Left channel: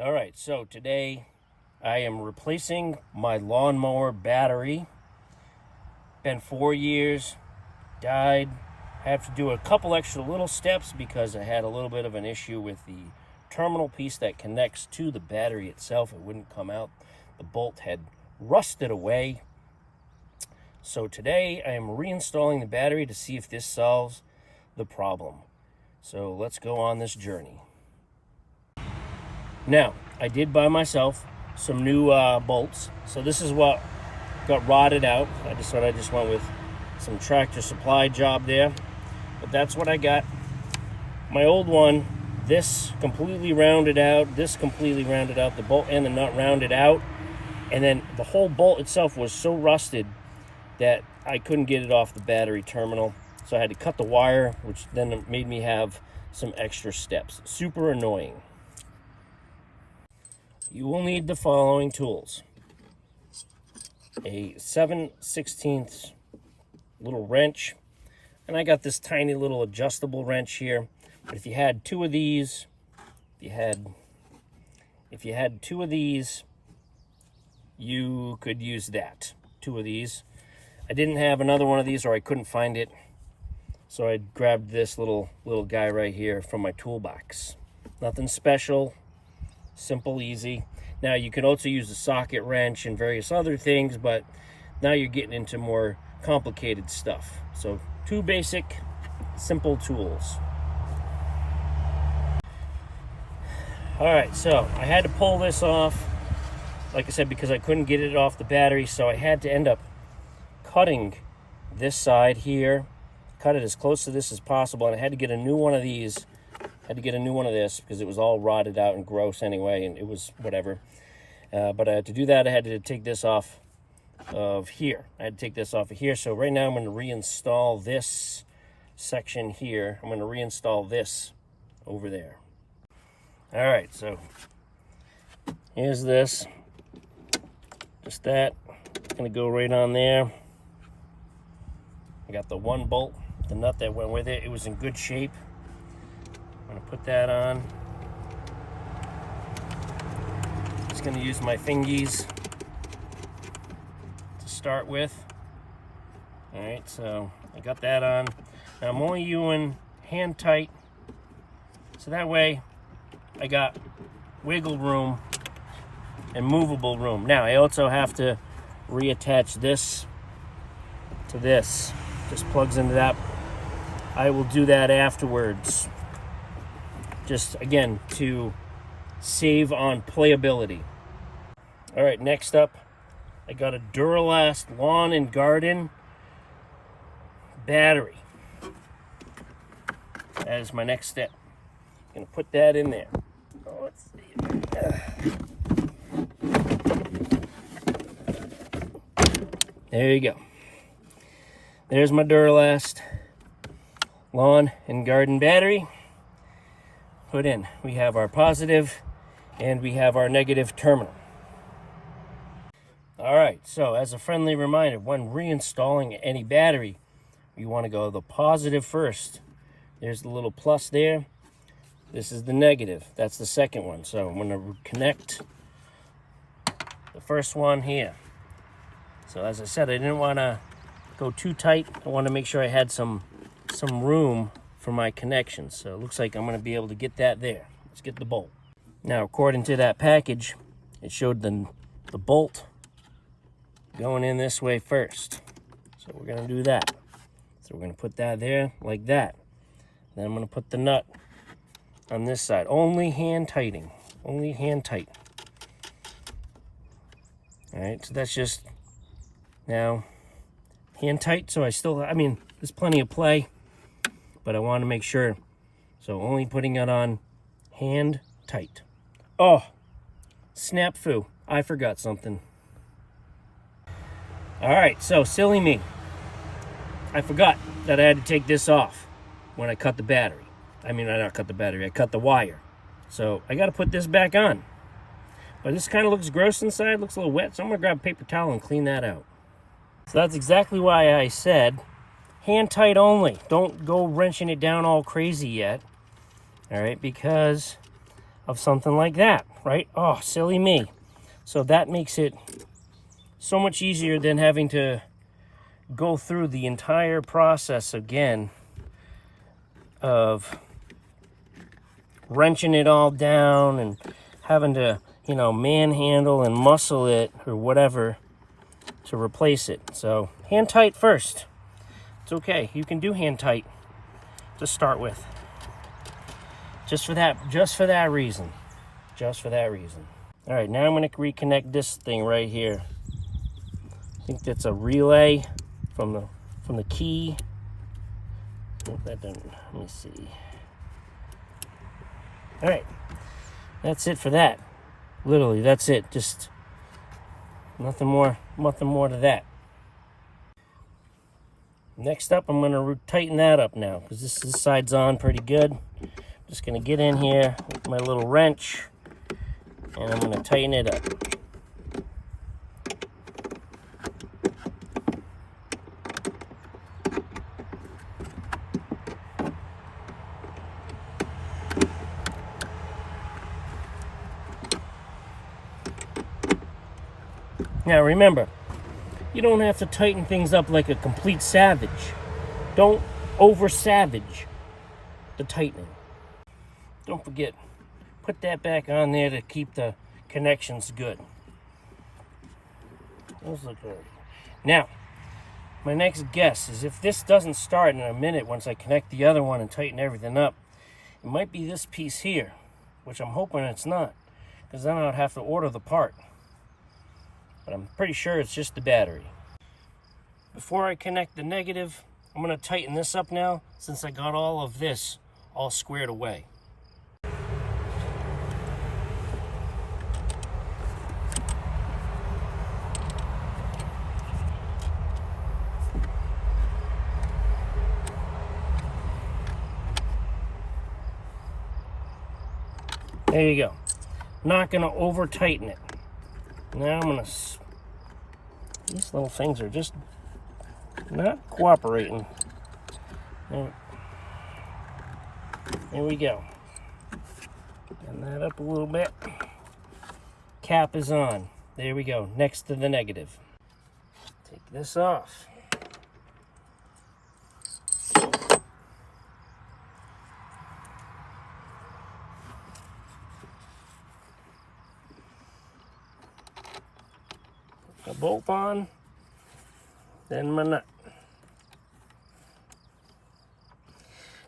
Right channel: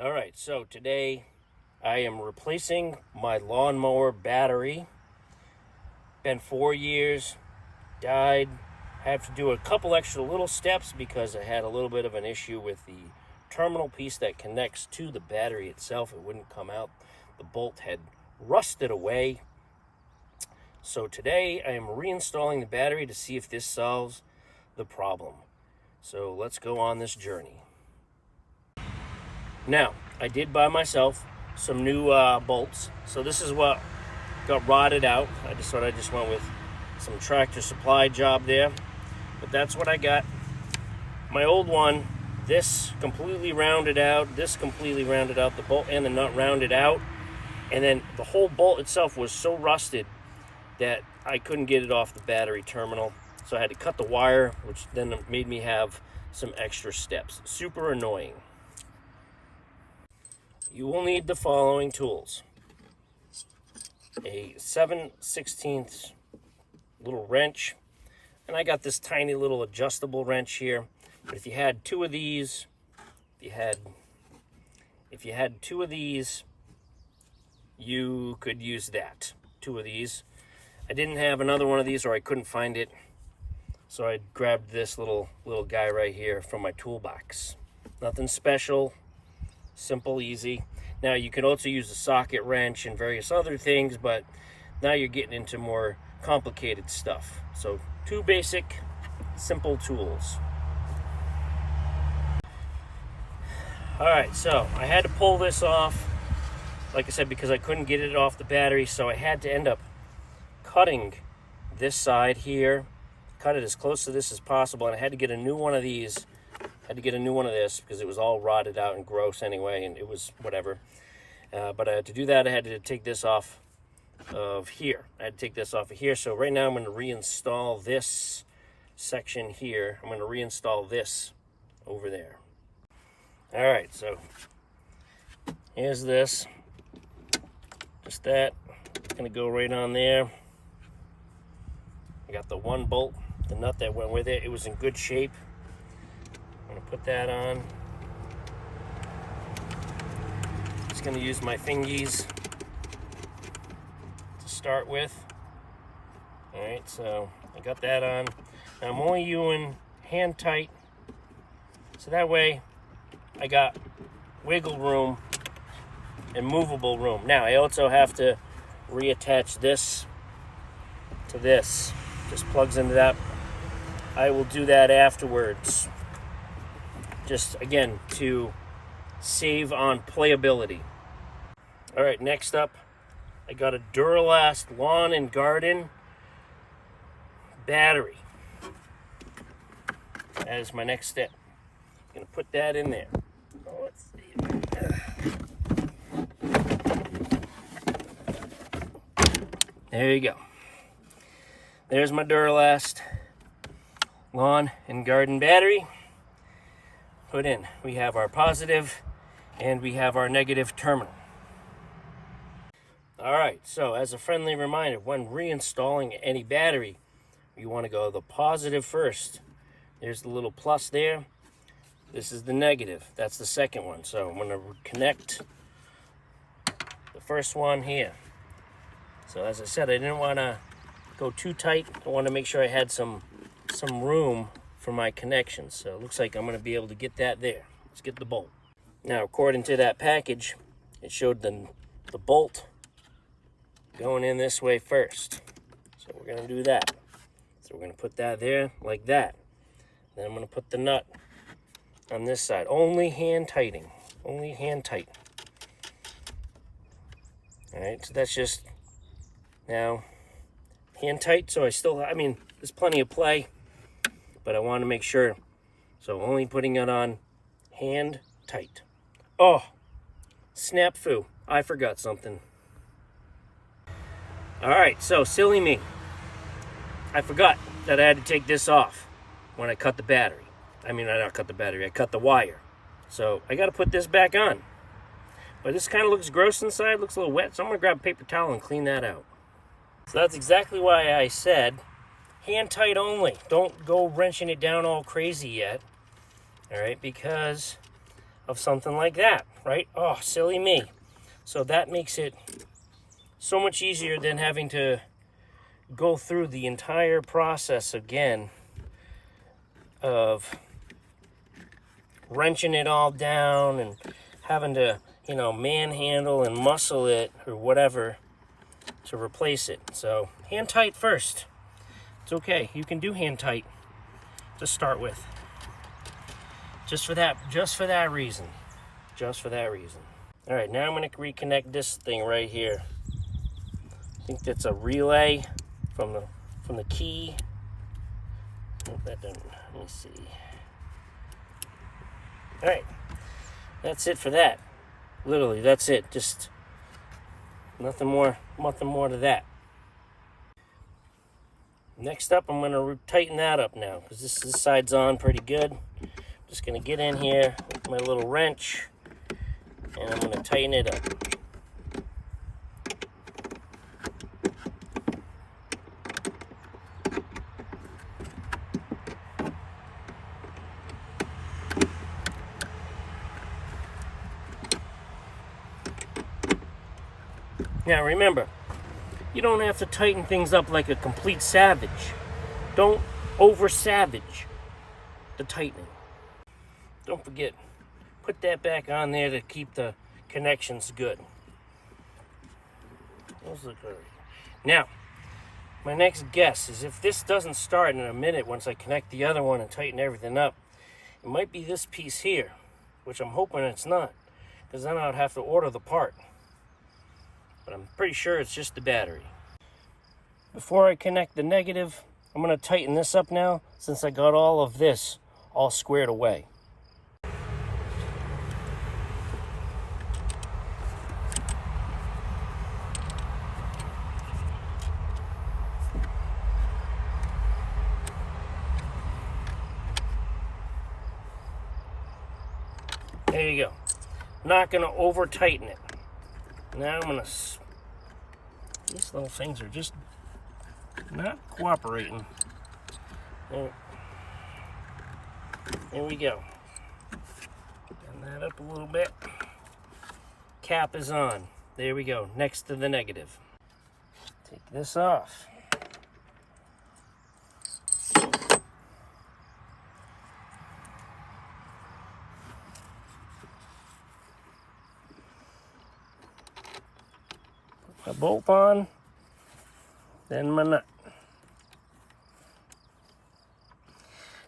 All right, so today I am replacing my lawnmower battery. Been 4 years, died. I have to do a couple extra little steps because I had a little bit of an issue with the terminal piece that connects to the battery itself. It wouldn't come out. The bolt had rusted away. So today I am reinstalling the battery to see if this solves the problem. So let's go on this journey. Now, I did buy myself some new bolts. So this is what got rotted out. I just thought I just went with some Tractor Supply job there. But that's what I got. My old one, this completely rounded out, this completely rounded out, the bolt and the nut rounded out. And then the whole bolt itself was so rusted that I couldn't get it off the battery terminal. So I had to cut the wire, which then made me have some extra steps. Super annoying. You will need the following tools. A 7/16 little wrench. And I got this tiny little adjustable wrench here. But if you had two of these, if you had two of these, you could use that. Two of these. I didn't have another one of these, or I couldn't find it. So I grabbed this little guy right here from my toolbox. Nothing special. Simple, easy. Now you can also use a socket wrench and various other things, but now you're getting into more complicated stuff. So two basic, simple tools. All right, so I had to pull this off, like I said, because I couldn't get it off the battery, so I had to end up cutting this side here, cut it as close to this as possible, and I had to get a new one of these. I had to get a new one of this because it was all rotted out and gross anyway, and it was whatever. But to do that, I had to take this off of here. I had to take this off of here. So right now I'm going to reinstall this section here. I'm going to reinstall this over there. All right, so here's this. Just that. It's going to go right on there. I got the one bolt, the nut that went with it. It was in good shape. I'm going to put that on. Just going to use my fingies to start with. All right, so I got that on. Now I'm only using hand tight, so that way I got wiggle room and movable room. Now I also have to reattach this to this. Just plugs into that. I will do that afterwards. Just again to save on playability. All right, next up, I got a Duralast lawn and garden battery. That is my next step. I'm gonna put that in there. Oh, let's see. There you go. There's my Duralast lawn and garden battery. Put in. We have our positive and we have our negative terminal. All right, so as a friendly reminder, when reinstalling any battery, you want to go the positive first. There's the little plus there. This is the negative. That's the second one. So I'm going to connect the first one here. So as I said, I didn't want to go too tight. I want to make sure I had some room for my connections. So it looks like I'm going to be able to get that there. Let's get the bolt. Now, according to that package, it showed the bolt going in this way first. So we're going to do that. So we're going to put that there like that. Then I'm going to put the nut on this side. Only hand tightening. Only hand tight. All right, so that's just now hand tight. So I mean, there's plenty of play, but I want to make sure. So only putting it on hand tight. Oh, snafu. I forgot something. All right, so silly me. I forgot that I had to take this off when I cut the battery. I mean, I not cut the battery, I cut the wire. So I got to put this back on. But this kind of looks gross inside, looks a little wet, so I'm going to grab a paper towel and clean that out. So that's exactly why I said hand tight only. Don't go wrenching it down all crazy yet. All right, because of something like that, right? Oh, silly me. So that makes it so much easier than having to go through the entire process again of wrenching it all down and having to, you know, manhandle and muscle it or whatever to replace it. So hand tight first. It's okay. You can do hand tight to start with. Just for that reason. Just for that reason. All right, now I'm going to reconnect this thing right here. I think that's a relay from the key. That doesn't, let me see. All right, that's it for that. Literally, that's it. Just nothing more to that. Next up, I'm gonna tighten that up now because this side's on pretty good. Just gonna get in here with my little wrench and I'm gonna tighten it up. Now remember, you don't have to tighten things up like a complete savage. Don't over-savage the tightening. Don't forget, put that back on there to keep the connections good. Those look good. Now, my next guess is if this doesn't start in a minute once I connect the other one and tighten everything up, it might be this piece here, which I'm hoping it's not, because then I'd have to order the part. But I'm pretty sure it's just the battery. Before I connect the negative, I'm going to tighten this up now since I got all of this all squared away. There you go. Not going to over tighten it. Now I'm going to, these little things are just not cooperating. There we go. Turn that up a little bit. Cap is on. There we go, next to the negative. Take this off. The bolt on, then my nut.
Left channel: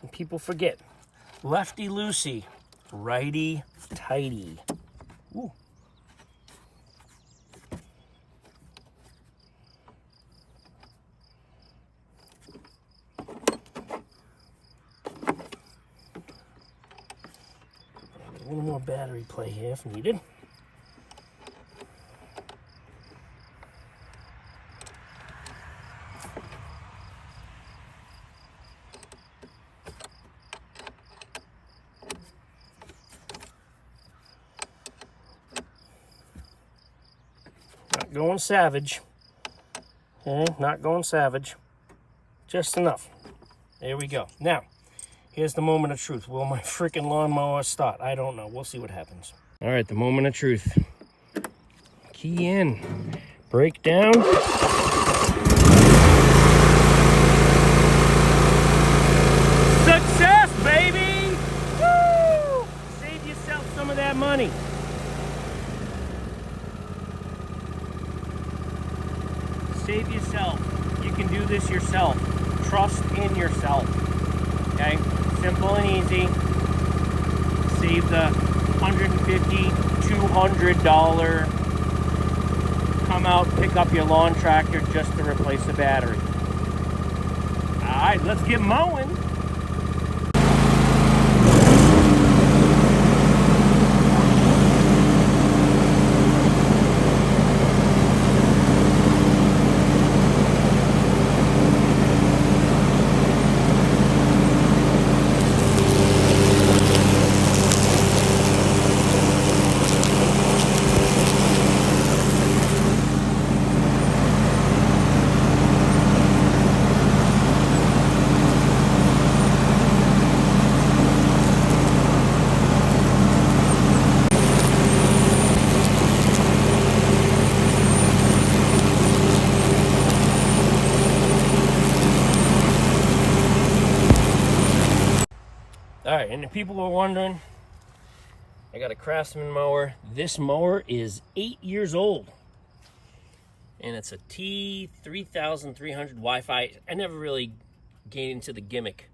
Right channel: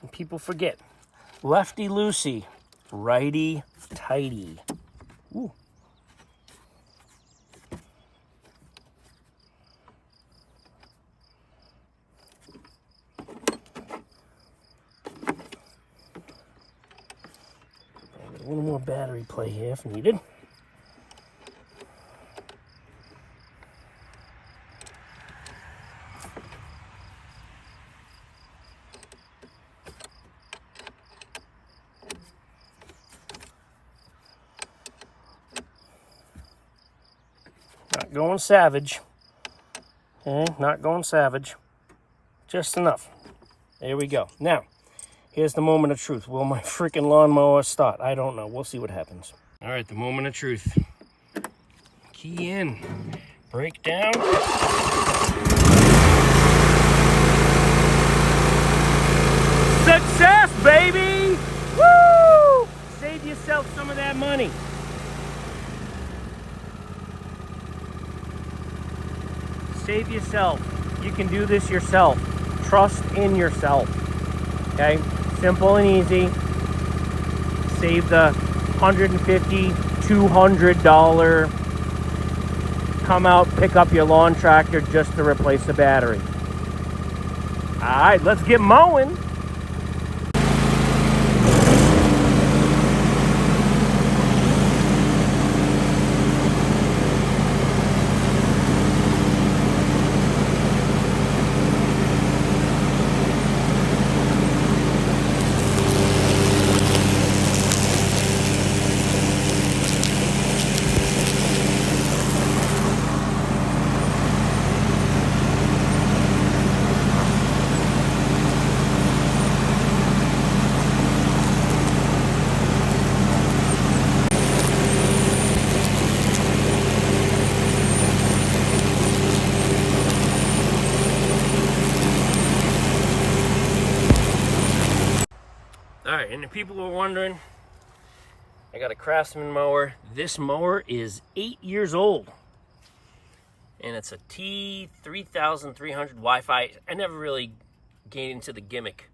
And people forget, lefty loosey, righty tighty. Ooh. A little more battery play here if needed. Going savage. Okay, not going savage. Just enough. There we go. Now, here's the moment of truth. Will my freaking lawnmower start? I don't know. We'll see what happens. All right, the moment of truth. Key in. Brake down. Success, baby! Woo! Save yourself some of that money. Save yourself. You can do this yourself. Trust in yourself. Okay? Simple and easy. Save the $150, $200. Come out, pick up your lawn tractor just to replace the battery. Alright, let's get mowing. right, and if people are wondering, I got a Craftsman mower. This mower is 8 years old, and it's a T3300 Wi-Fi. I never really gained into the gimmick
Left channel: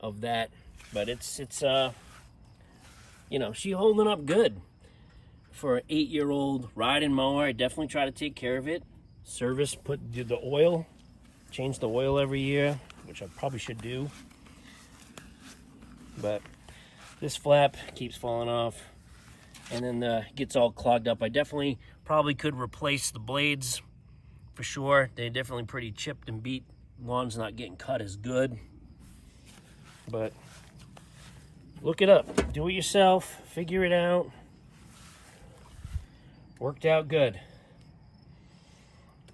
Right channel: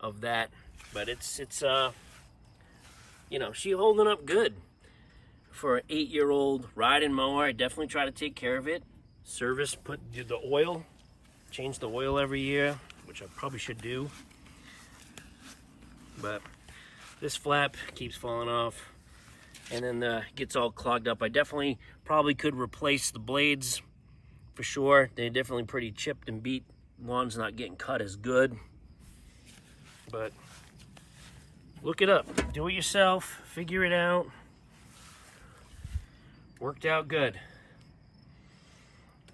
of that, but it's you know, she holding up good for an 8-year-old riding mower. I definitely try to take care of it. Service, do the oil, change the oil every year, which I probably should do. But this flap keeps falling off, and then gets all clogged up. I definitely probably could replace the blades for sure. They're definitely pretty chipped and beat. Lawn's not getting cut as good. But look it up, do it yourself, figure it out. Worked out good.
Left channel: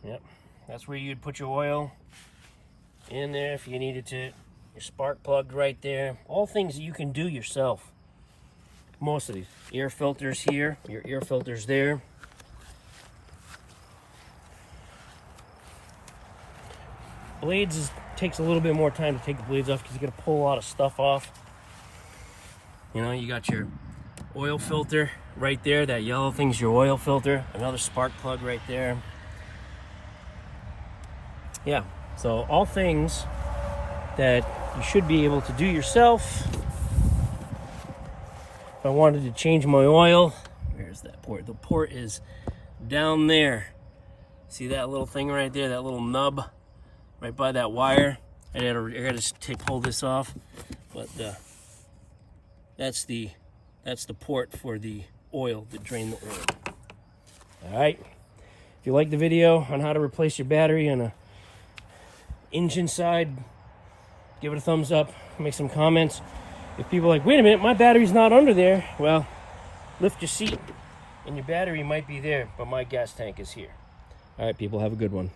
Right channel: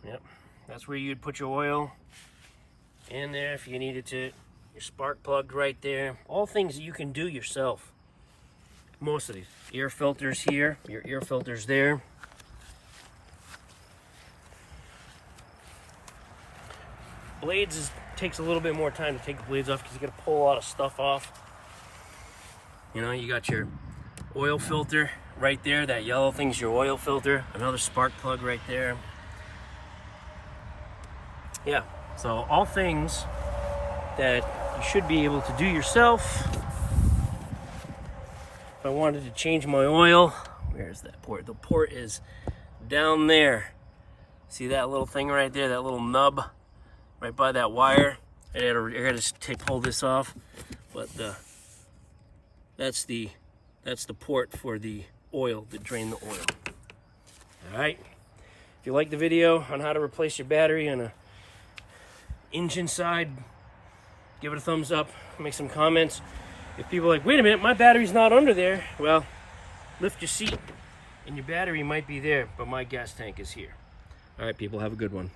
Yep, that's where you'd put your oil in there if you needed to. Your spark plug right there. All things that you can do yourself. Most of these. Air filters here, your air filters there. Blades takes a little bit more time to take the blades off because you got to pull a lot of stuff off. You know, you got your oil filter right there. That yellow thing's your oil filter. Another spark plug right there. Yeah, so all things that you should be able to do yourself. If I wanted to change my oil, where's that port? The port is down there. See that little thing right there, that little nub right by that wire? I gotta pull this off, but that's the port for the oil, to drain the oil. All right, if you like the video on how to replace your battery on a engine side, give it a thumbs up, make some comments. If people are like, wait a minute, my battery's not under there, well, lift your seat and your battery might be there, but my gas tank is here. All right, people, have a good one.